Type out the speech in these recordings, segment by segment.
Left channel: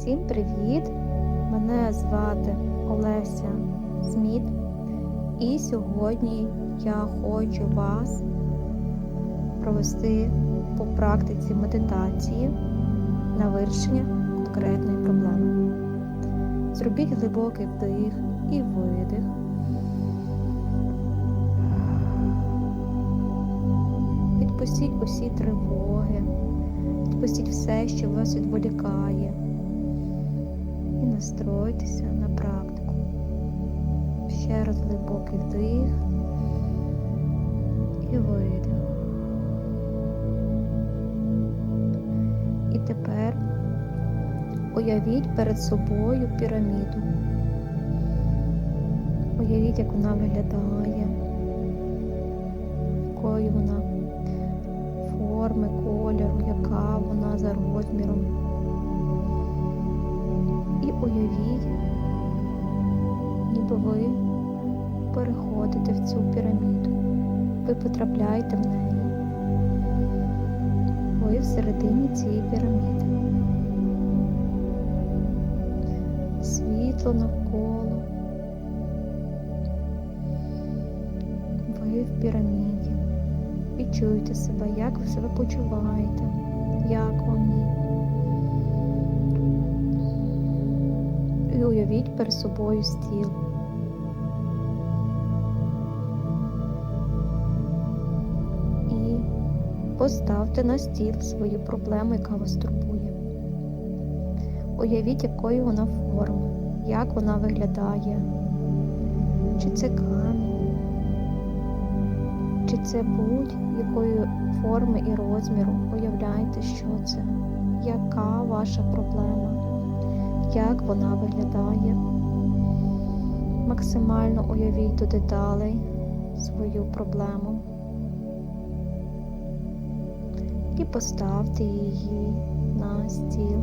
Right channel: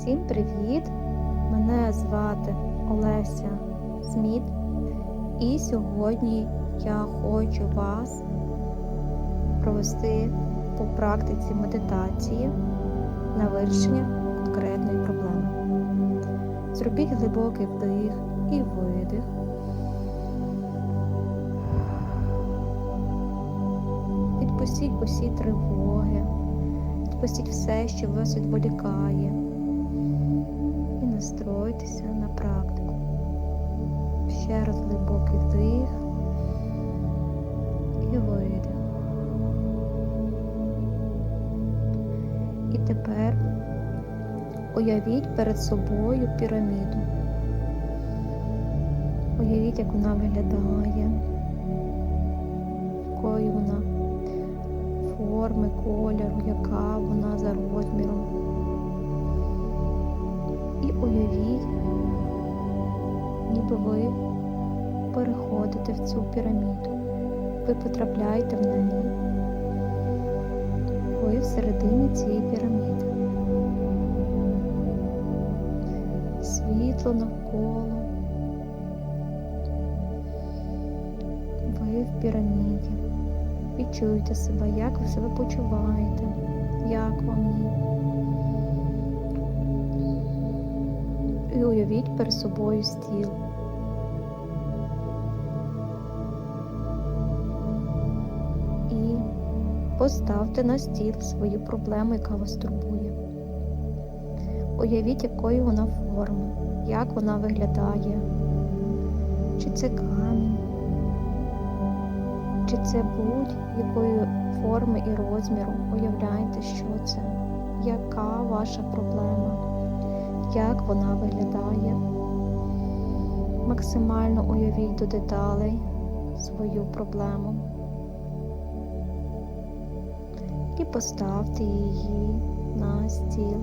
Всім привіт! Мене звати Олеся Сміт, і сьогодні я хочу вас провести по практиці медитації на вирішення конкретної проблеми. Зробіть глибокий вдих і видих. Відпустіть усі тривоги, відпустіть все, що вас відволікає, і настройтеся на практику. Ще раз глибокий вдих і видих. І тепер уявіть перед собою піраміду. Уявіть, як вона виглядає, якою вона форми, кольору, яка вона за розміром. І уявіть, ніби ви переходите в цю піраміду. Ви потрапляєте в неї. Ви всередині цієї піраміди. Світло навколо. Ви в піраміді. Відчуйте себе, як ви себе почуваєте, як вам їй. Уявіть перед собою стіл. І поставте на стіл свою проблему, яка вас турбує. Уявіть, якої вона форми, як вона виглядає, чи це камінь, чи це будь-якої форми і розміру. Уявляйте, що це, яка ваша проблема, як вона виглядає. Максимально уявіть до деталей свою проблему і поставте її на стіл.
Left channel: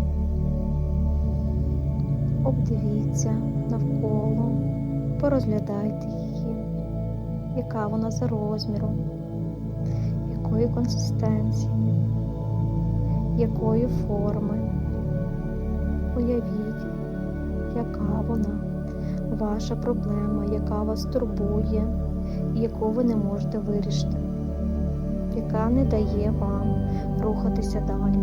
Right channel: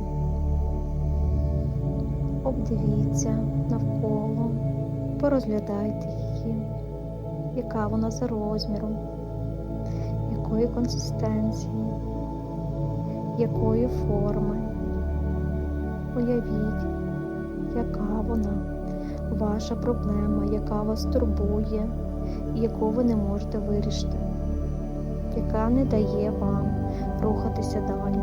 Обдивіться навколо, порозглядайте її, яка вона за розміром, якої консистенції, якої форми. Уявіть, яка вона, ваша проблема, яка вас турбує, і яку ви не можете вирішити, яка не дає вам рухатися далі.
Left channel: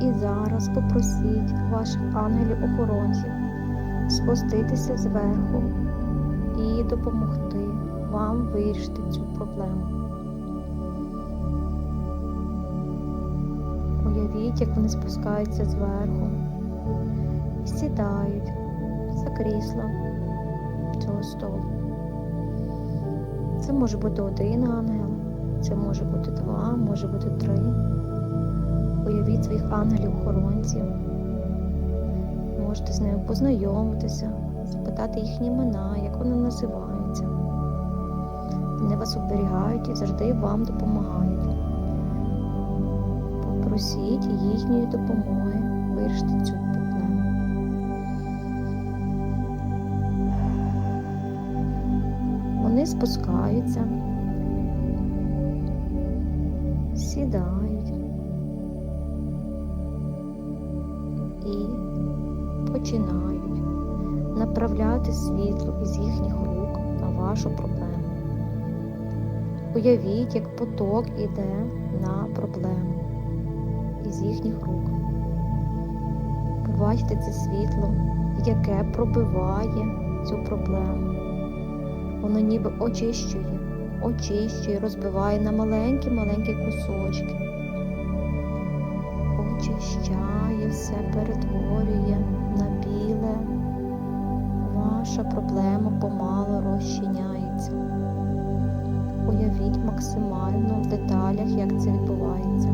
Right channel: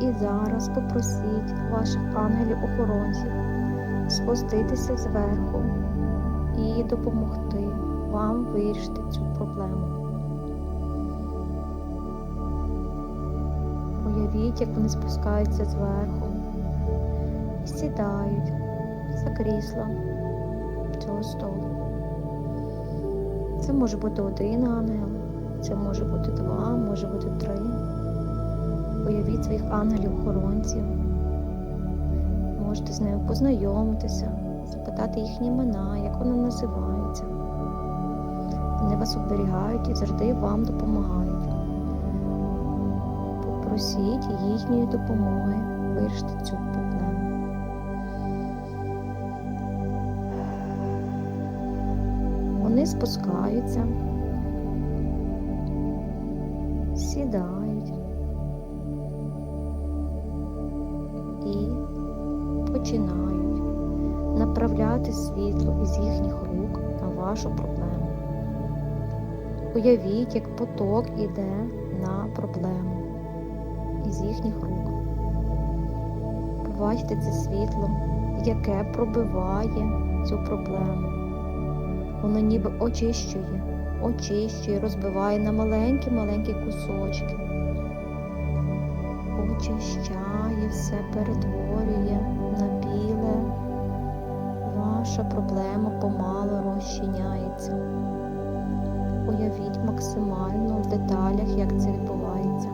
І зараз попросіть ваших ангелів-охоронців спуститися зверху і допомогти вам вирішити цю проблему. Уявіть, як вони спускаються зверху і сідають за крісло цього столу. Це може бути один ангел, це може бути два, може бути три. Уявіть своїх ангелів-охоронців. Можете з ними познайомитися, запитати їхні імена, як вони називаються. Вони вас оберігають і завжди вам допомагають. Попросіть їхньої допомоги вирішити цю проблему. Вони спускаються, сідають. і починають направляти світло із їхніх рук на вашу проблему. Уявіть, як поток іде на проблему із їхніх рук. Побачте це світло, яке пробиває цю проблему. Воно ніби очищує, очищує, розбиває на маленькі-маленькі кусочки очищає, все перетворює на біле. Ваша проблема помало розчиняється. Уявіть максимально в деталях, як це відбувається.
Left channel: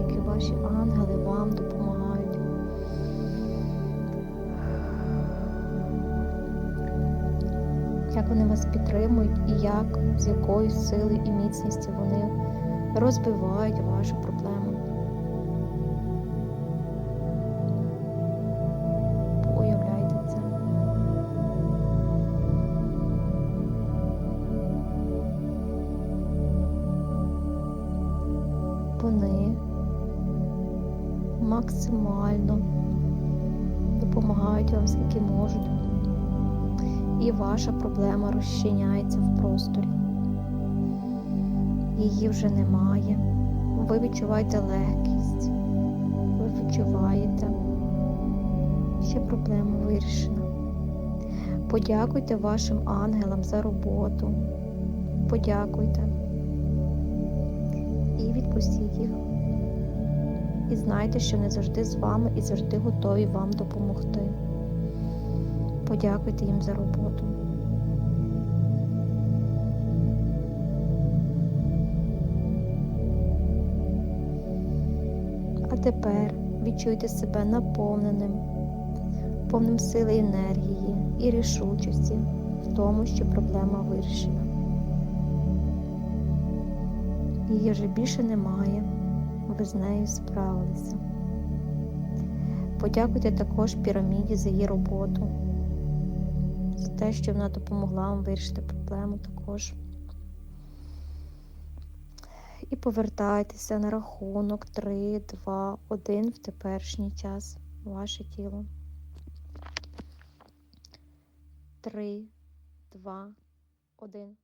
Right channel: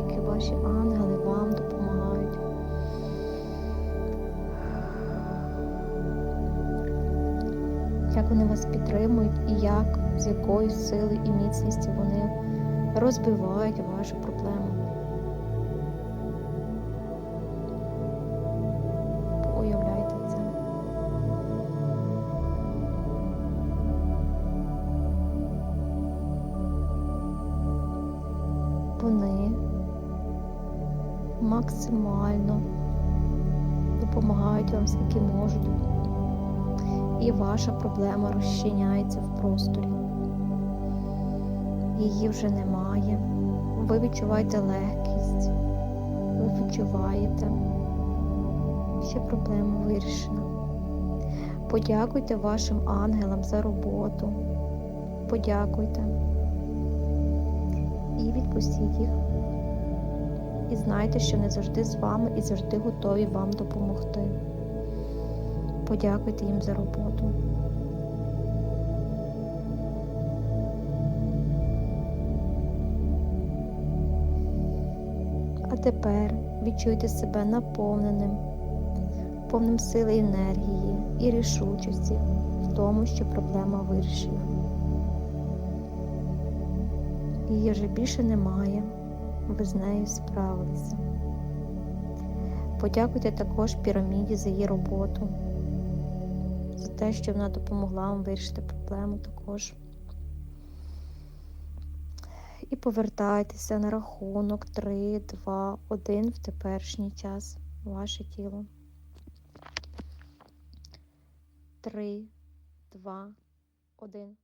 Наскільки ваші ангели вам допомагають. Як вони вас підтримують і як, з якою силою і міцністю вони розбивають вашу проблему. Уявляйте це. вони максимально допомагають вам скільки можуть, і ваша проблема розчиняється в просторі. Її вже немає. Ви відчуваєте легкість, ви відчуваєте, що проблема вирішена. Подякуйте вашим ангелам за роботу. Подякуйте і відпустіть їх. І знайте, що вони завжди з вами і завжди готові вам допомогти. Подякуйте їм за роботу. А тепер відчуйте себе наповненим, повним сили енергії і рішучості в тому, що проблема вирішена. Її вже більше немає, ви з нею справилися. Подякуйте також піраміді за її роботу, за те, що вона допомогла вам вирішити проблему також. І повертайтеся на рахунок 3, 2, 1 в теперішній час ваше тіло. 3, 2, 1.